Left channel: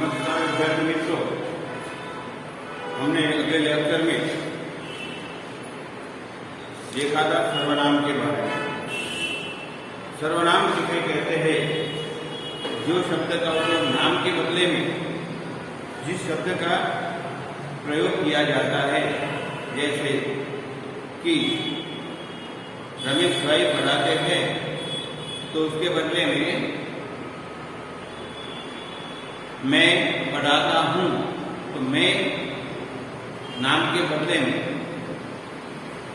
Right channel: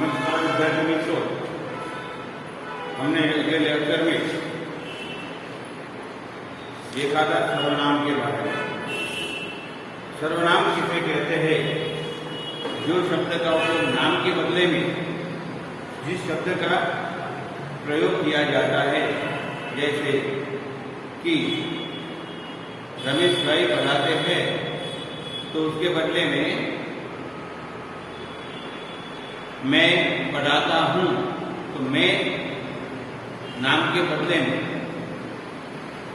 नमस्कार विद्यार्थी मित्रों, हमने अगले लेक्चर में देखा था सर्वनाम के बारे में। सर्वनाम किसे कहते हैं? जो शब्द का उपयोग नाम के बदले में जिस शब्द का प्रयोग किया जाता है, जैसे कि रमेश भाई पढ़ाते थे तो उसके बदले में मैं पढ़ाता हूँ, तो मैं नाम के बदले में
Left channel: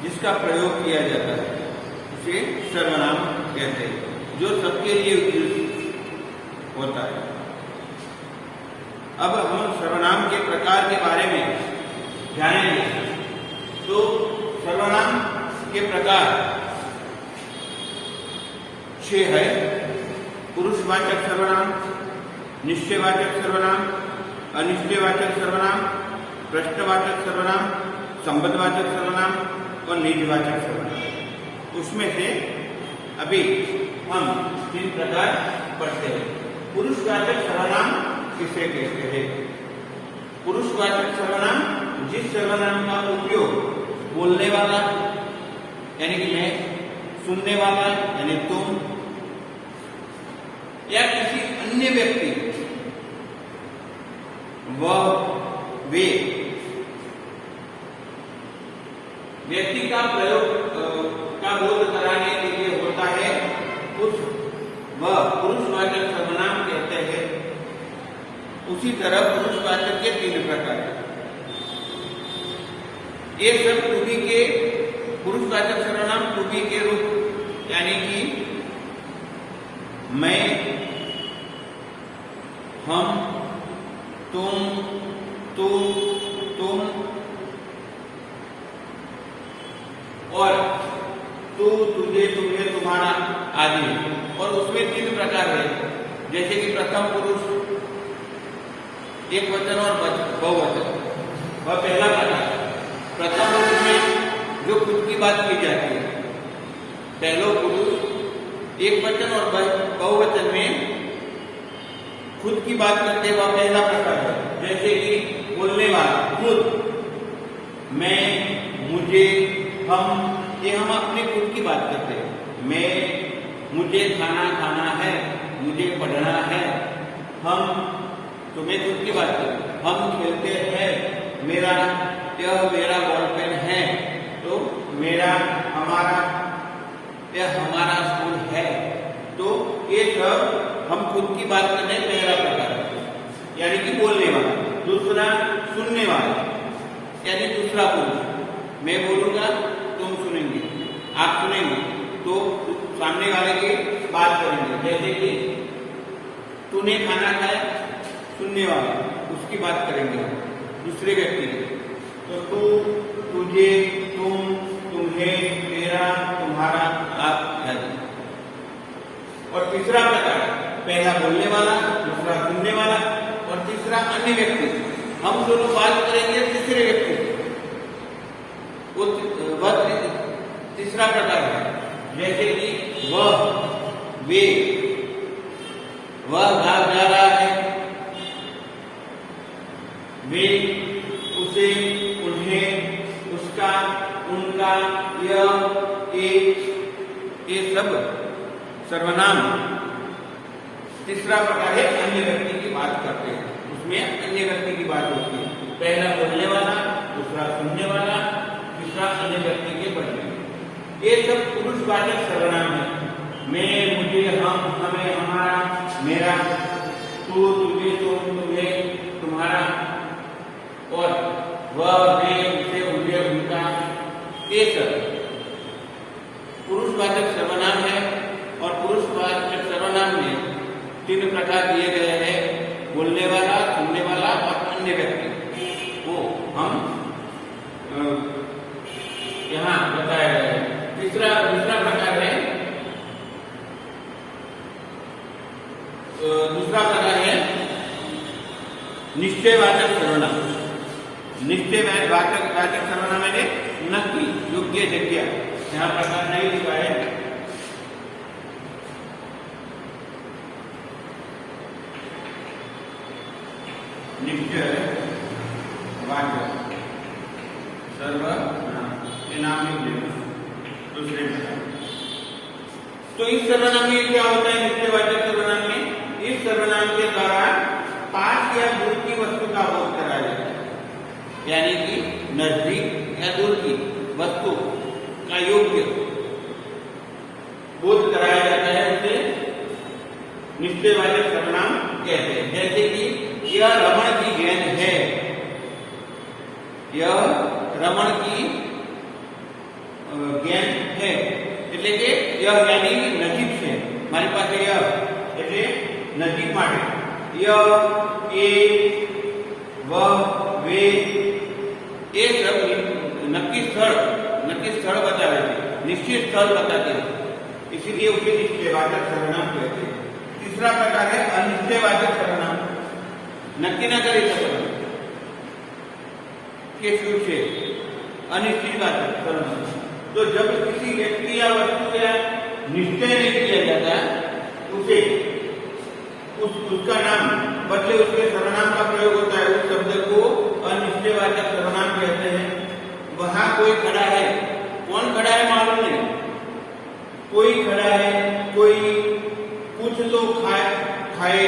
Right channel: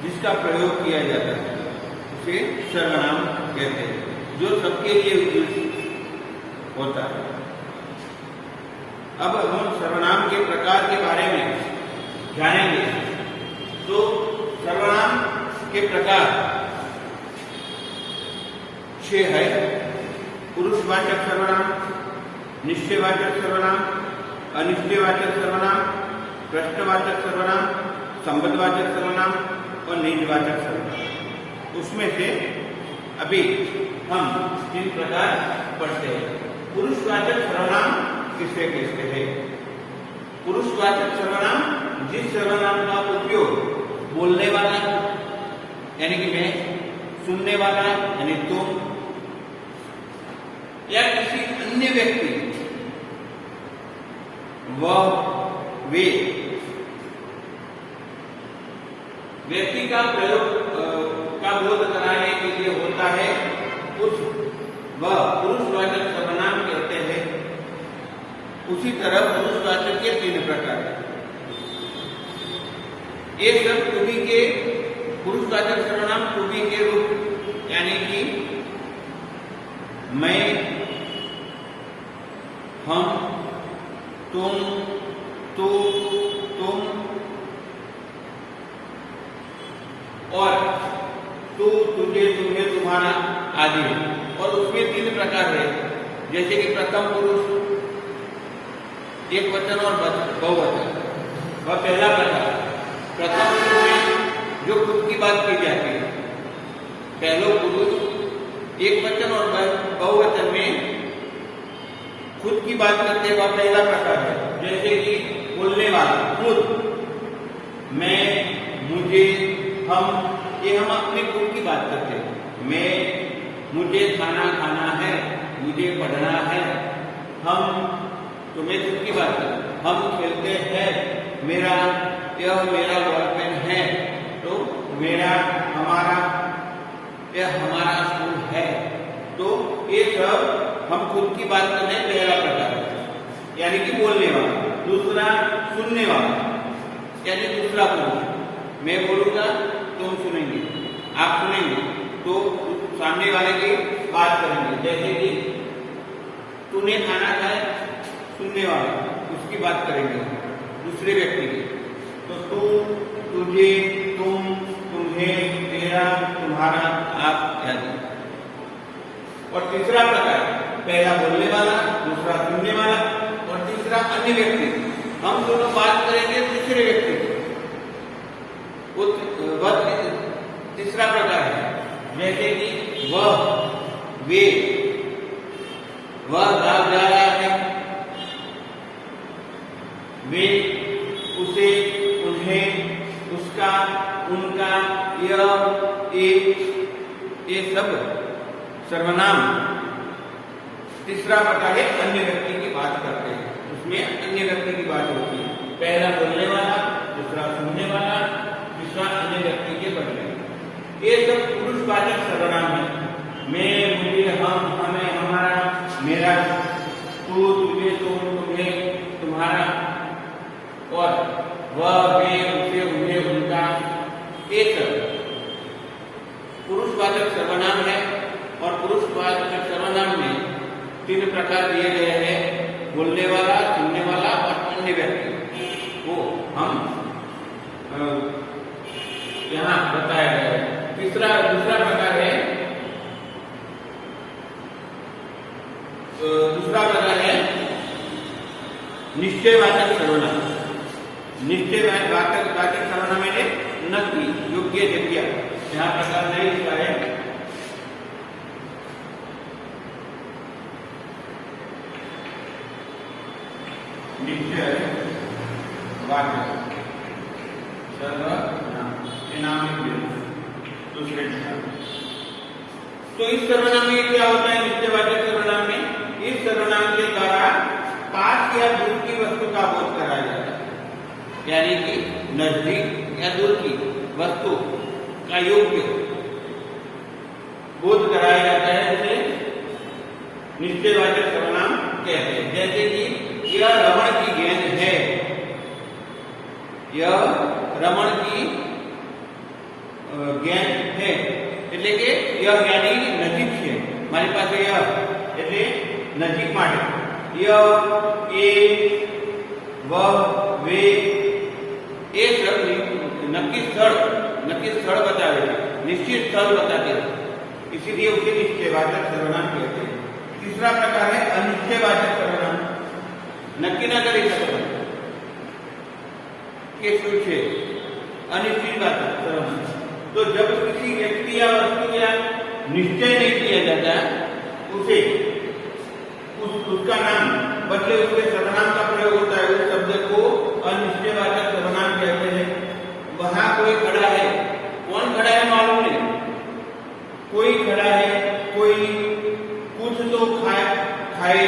जिसका प्रयोग किया जाता है उसे सर्वनाम कहते हैं, जो सबके लिए उचित होता है। अब हम सर्वनाम के प्रकार के बारे में जानेंगे। तो सर्वनाम के प्रकार 6 है: पुरुषवाचक सर्वनाम, निश्चयवाचक सर्वनाम, अनिश्चयवाचक सर्वनाम, प्रश्नवाचक सर्वनाम, संबंधवाचक सर्वनाम और निजवाचक सर्वनाम। उसमें से अभी हम 3 प्रकार पढ़ते हैं। पुरुषवाचक सर्वनाम किसे कहते हैं? पुरुषवाचक सर्वनाम जिस सर्वनाम का उपयोग बोलने वाला यानी कि मैं, सुनने वाला यानी तुम, या किसी अन्य व्यक्ति वह वे व्यक्ति का प्रयोग का बोध कराने के लिए होता है, उस वह पुरुषवाचक सर्वनाम कहते हैं। उसी तरह पुरुषवाचक के 3 प्रकार। ये सब टू के पुरुषवाचक सर्वनाम टू के रूप यानी कि मैं, हम, तुम, तू, तुम और तू, तुझे, तुम्हें, तुम्हारा आदि। और उसमें 3 प्रकार है, जैसे कि प्रथम पुरुष, एक वचन और बहुवचन। वह पहला प्रकार। प्रथम पुरुष में जो खुद की बात की जाती है, पहलो पुरुष एक वचन और बहुवचन में खुद की बात करते हुआ पहला प्रकार है। जैसे कि बोलने वाला खुद, मैं, मुझे, हम, ये हम अपने खुद की बात करते हैं। मैं, मुझे खाना खाना है, मुझे पढ़ना है। हम, तुम्हें खुद की बात करते हैं। हम खेलते हैं, यह मेरा बॉलपेन है, तो मेरा, हमारा, यह हमारा स्कूल है। तो ये सब हम खुद की बात करते हैं, पहला प्रकार यानी कि बोलने वाला। दूसरा सुनने वाला यानी दूसरा पुरुष। मैं बोलूंगा, तुम सुनेंगे, आप सुनेंगे, तो सामने वाले की बात करेंगे। जैसे कि तूने खाना खाया, सुनने वाला उसकी बात करेंगे दूसरे व्यक्ति की। तो तू, तुझे, तुम, तुम्हें, तेरा, तुम्हारा, आप आदि। और तीसरा प्रकार, पहला बोलने वाला, दूसरा सुनने वाला और तीसरा अन्य व्यक्ति। हम दोनों बात करेंगे तीसरे व्यक्ति से, वह तीसरा प्रकार है। जैसे कि वह, वे, वह जा रहा है, वे, उसे, उन्हें, उसका, उनका, यह, एक, ये सब सर्वनाम। तीसरा प्रकार है अन्य व्यक्ति की बात करते हैं, उसमें अन्य व्यक्ति की बात होती है। पहला बोलने वाला, दूसरा सुनने वाला, तीसरा अन्य व्यक्ति के बदले। ये सब पुरुषवाचक सर्वनाम है। मैं, मुझे, हम, हमें, हमारा, मेरा, तू, तुझे, तुम, तुम्हें, तुम्हारा और वह, वे, उसे, उन्हें, उनका। एक पुरुषवाचक सर्वनाम है। और पुरुषवाचक सर्वनाम में 3 प्रकार दिए गए हैं: बोलने वाला, सुनने वाला और अन्य व्यक्ति। वो हम यहाँ बताया गया है। दूसरा प्रकार है, निश्चयवाचक सर्वनाम। निश्चयवाचक सर्वनाम है नक्की, योग्य, जगह। यहाँ प्रकार नहीं लिखा है। निश्चय वाक्य सर्वनाम ये नाम लिख दिया दूसरे प्रकार। तो इस सर्वनाम में क्या होता है? निश्चयवाचक सर्वनाम में इस सर्वनाम के द्वारा पास या दूर की वस्तु का बोध कराया जाता है, यानी कि नजदीक या दूर की वस्तु का योग्य बोध कराया जाता है, उसे निश्चयवाचक सर्वनाम कहते हैं। जैसे कि यह रमण की गेंद है, यह रमण की गेंद है એટલે કે यह यानी नजीक છે, મારી પાસે यह એટલે નજીક માટે यह એ वह वे ये सब नक्की स्थल बताए, निश्चित स्थल बताते हैं, इसीलिए उसे निश्चयवाचक सर्वनाम कहते हैं। तीसरा प्रकार है अनिश्चयवाचक सर्वनाम। नक्की न કરી શકો के शुरू से अनिश्चयवाचक सर्वनाम। तो जब किसी व्यक्ति या वस्तु या निश्चय नहीं किया जाता उसे उसका नाम बदले उसके सर्वनाम का प्रयोग होता है, उस शब्द को अनिश्चयवाचक सर्वनाम कहते हैं। वहां कोई खड़ा है, कौन खड़ा है मालूम नहीं, कोई खड़ा है, कोई कुछ तो खाए,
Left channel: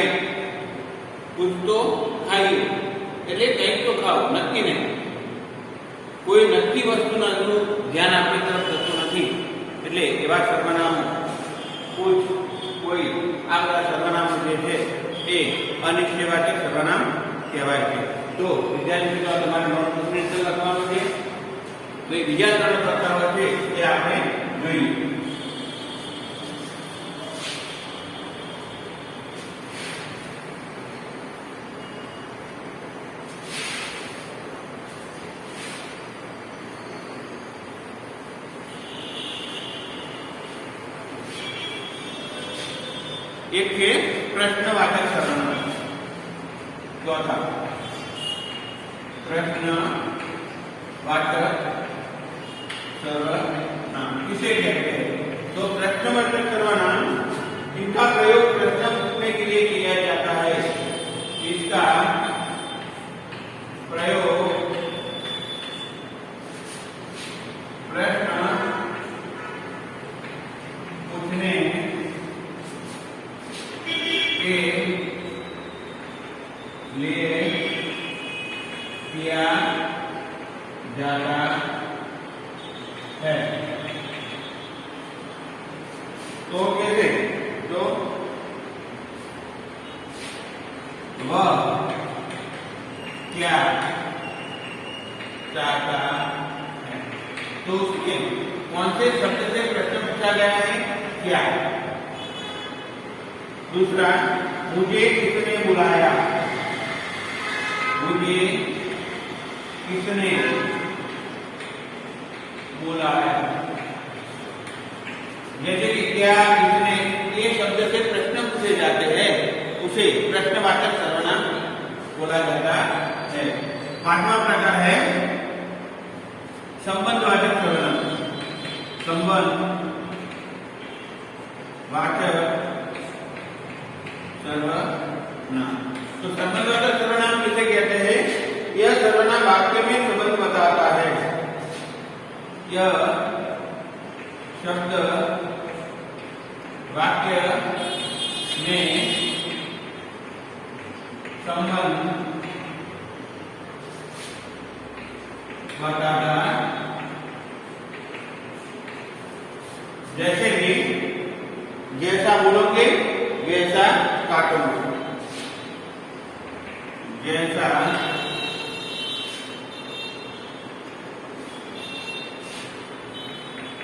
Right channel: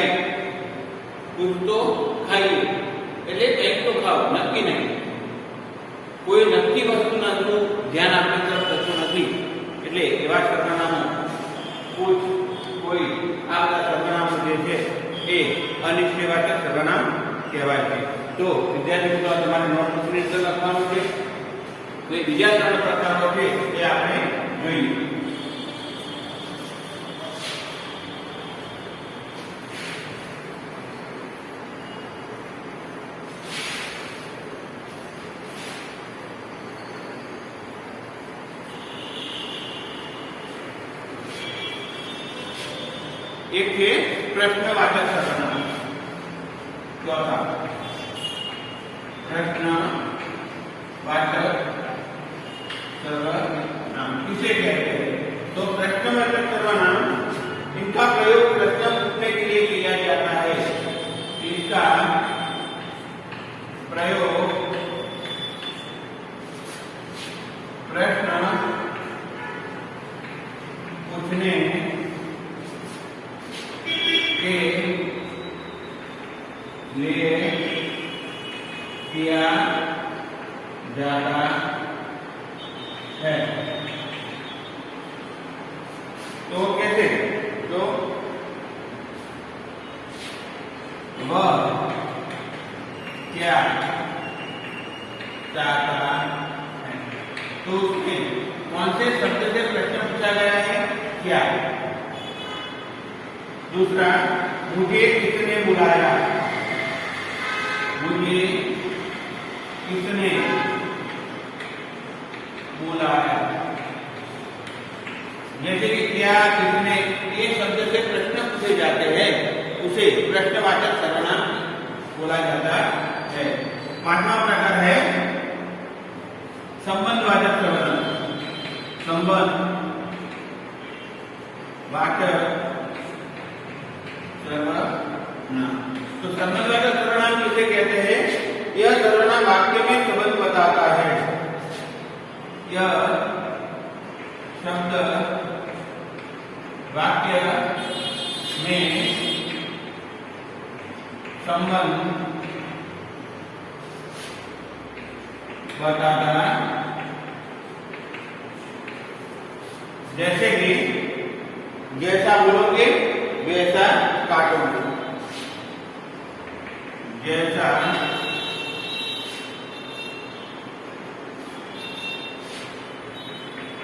कुछ तो खाइए એટલે કંઈક તો ખાઓ, નક્કી નહીં, કોઈ નક્કી વસ્તુના ધ્યાન આપણી તરફ થતું નથી, એટલે એવા સર્વનામ कुछ कोई આ બધા સર્વનામો જે છે એ અનિશ્ચયવાચક સર્વનામ કહેવાય છે। તો વિદ્યાર્થી મિત્રો તમારે નોટબુકની અંદર લખવાનું છે। તો એ બીજા 3 પ્રકારો છે એ આપણે જોઈએ। एक है प्रश्नवाचक सर्वनाम, चौथा प्रश्नवाचक सर्वनाम किसे कहते हैं? तो प्रश्नवाचक सर्वनाम इनका प्रयोग प्रश्न पूछने के लिए किया जाता है। इसका प्रयोग प्रश्न पूछने के लिए किया जाता है। तो कैसे? तो वह क्या चाहता है, तो उसमें कौन से शब्द से प्रश्न पूछा गया है? क्या। दूसरा, मुझे किसने बुलाया, मुझे किसने बुलाया। जैसे कि क्या, किसने, ये शब्द से प्रश्न पूछे जाते हैं, उसे प्रश्नवाचक सर्वनाम बोला जाता है। 5वां प्रकार है संबंधवाचक सर्वनाम। संबंधवाचक सर्वनाम। तो संबंधवाचक सर्वनाम किसे कहते हैं? यह सर्वनाम वाक्य में संबंध बताता है। यह शब्द वाक्य में संबंध बताता, जैसे कि जैसा बोलोगे वैसा काटोगे, जैसा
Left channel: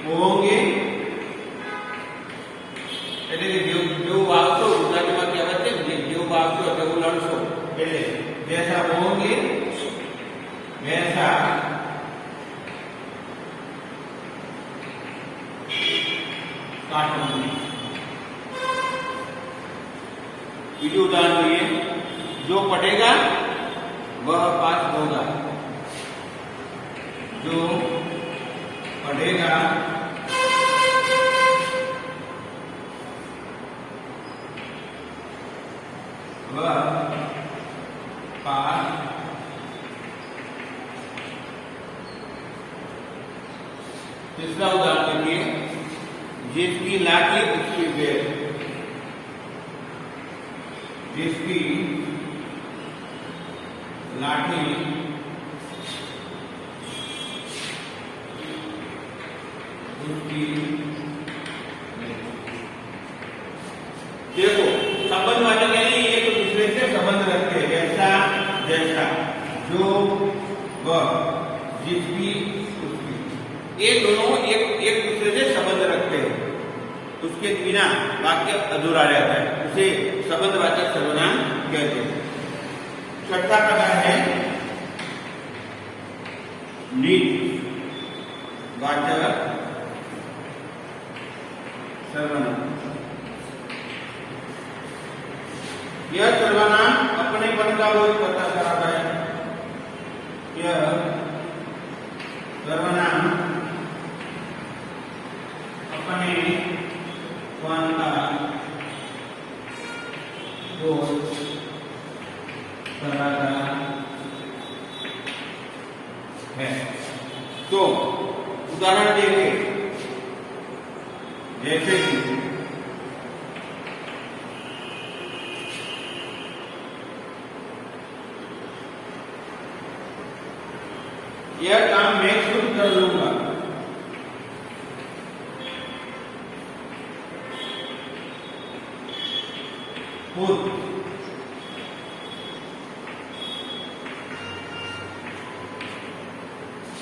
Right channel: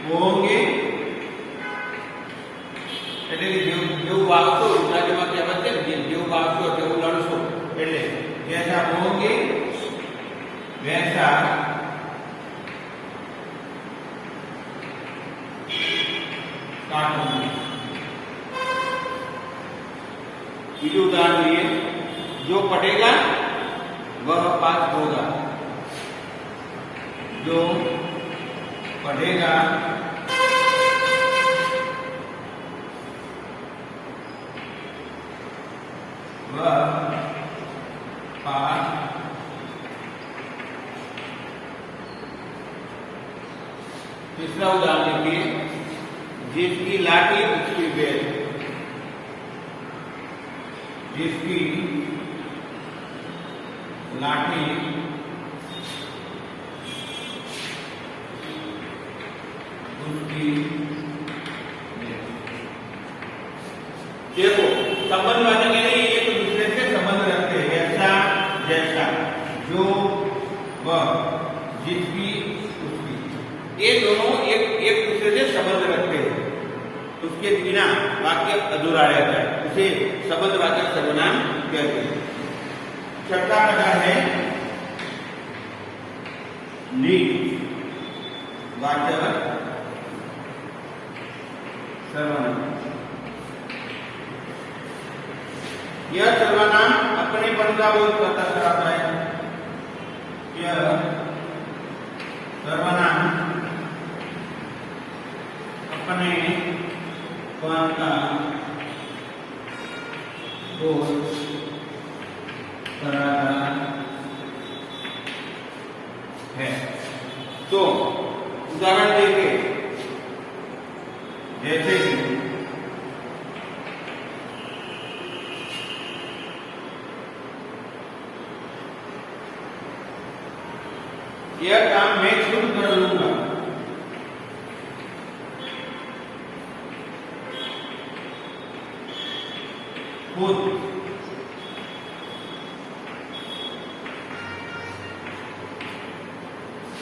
बोलोगे એટલે જેવું વાવશો, ગુજરાતીમાં કહેવત છે જેવું વાવશો તેવું લણશો, એટલે જૈસા બોલોગે વૈસા काटोगे। बीजू उदाहरण लिए, जो पढ़ेगा वह पास होगा, जो पढ़ेगा वह पास, तीसरा उदाहरण देखिए, जिसकी लाठी उसकी बेल, जिसकी लाठी उसकी बेल। देखो संबंध वाले कह रही है, एक दूसरे से संबंध रखते हैं, ऐसा जैसा, जो, वह, जिसकी उसकी, ये दोनों एक दूसरे से संबंध रखते हैं, उसके बिना वाक्य अधूरा रहता है, उसे संबंधवाचक सर्वनाम कहते हैं। छठा प्रकार है नीति वाचक सर्वनाम। यह सर्वनाम अपनेपन का बोध करता है। यह सर्वनाम अपनेपन का बोध कराता है। तो उदाहरण देंगे, जैसे कि यह काम मैं खुद कर लूंगा, खुद।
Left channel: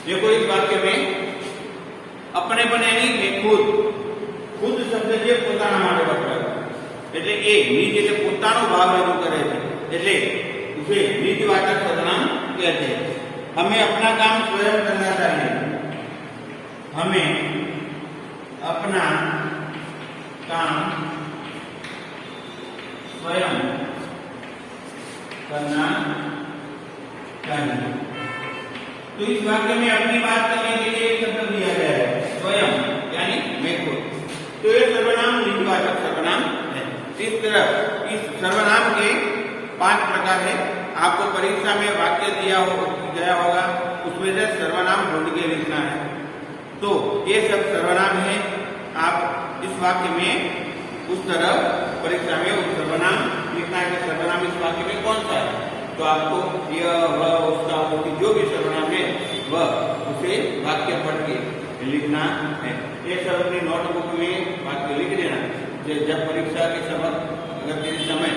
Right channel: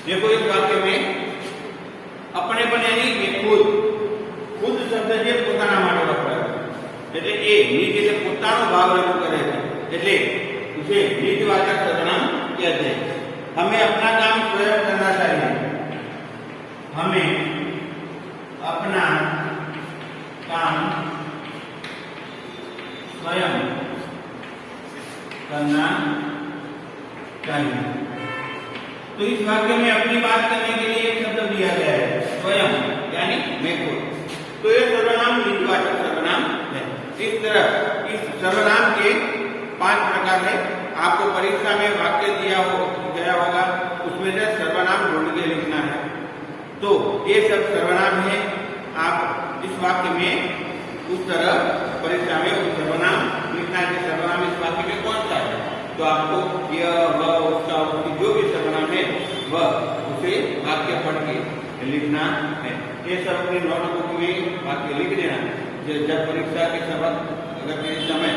देखो इस वाक्य में अपने बने नहीं, मैं खुद शब्द જે પોતાના માટે વપરાય, એટલે એ નિજ એટલે પોતાનો ભાવ રજૂ કરે છે, એટલે उसे निजवाचक सर्वनाम कहते हैं। हमें अपना काम स्वयं करना चाहिए, हमें अपना काम स्वयं करना चाहिए। तो इस वाक्य में अपनी बात करने के लिए एक शब्द दिया गया है, स्वयं, यानी मैं खुद। तो ये सर्वनाम निजवाचक सर्वनाम है। इस तरह इस सर्वनाम के 5 प्रकार है। आपको परीक्षा में वाक्य दिया गया होगा, उसमें से सर्वनाम ढूंढ के लिखना है। तो ये सब सर्वनाम है। आप इस वाक्य में उस तरह परीक्षा में उस सर्वनाम लिखना है कि सर्वनाम इस वाक्य में कौन सा है। तो आपको यह, वह, उसका, उसकी जो भी सर्वनाम है वह उसे वाक्य पढ़ के लिखना है। ये सब अपनी नोटबुक में वाक्य लिख लेना है। जब परीक्षा के समय अगर किसी समय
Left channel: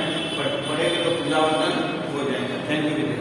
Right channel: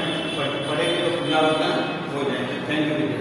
पढ़ेंगे तो पूरा हो जाएगा। Thank you.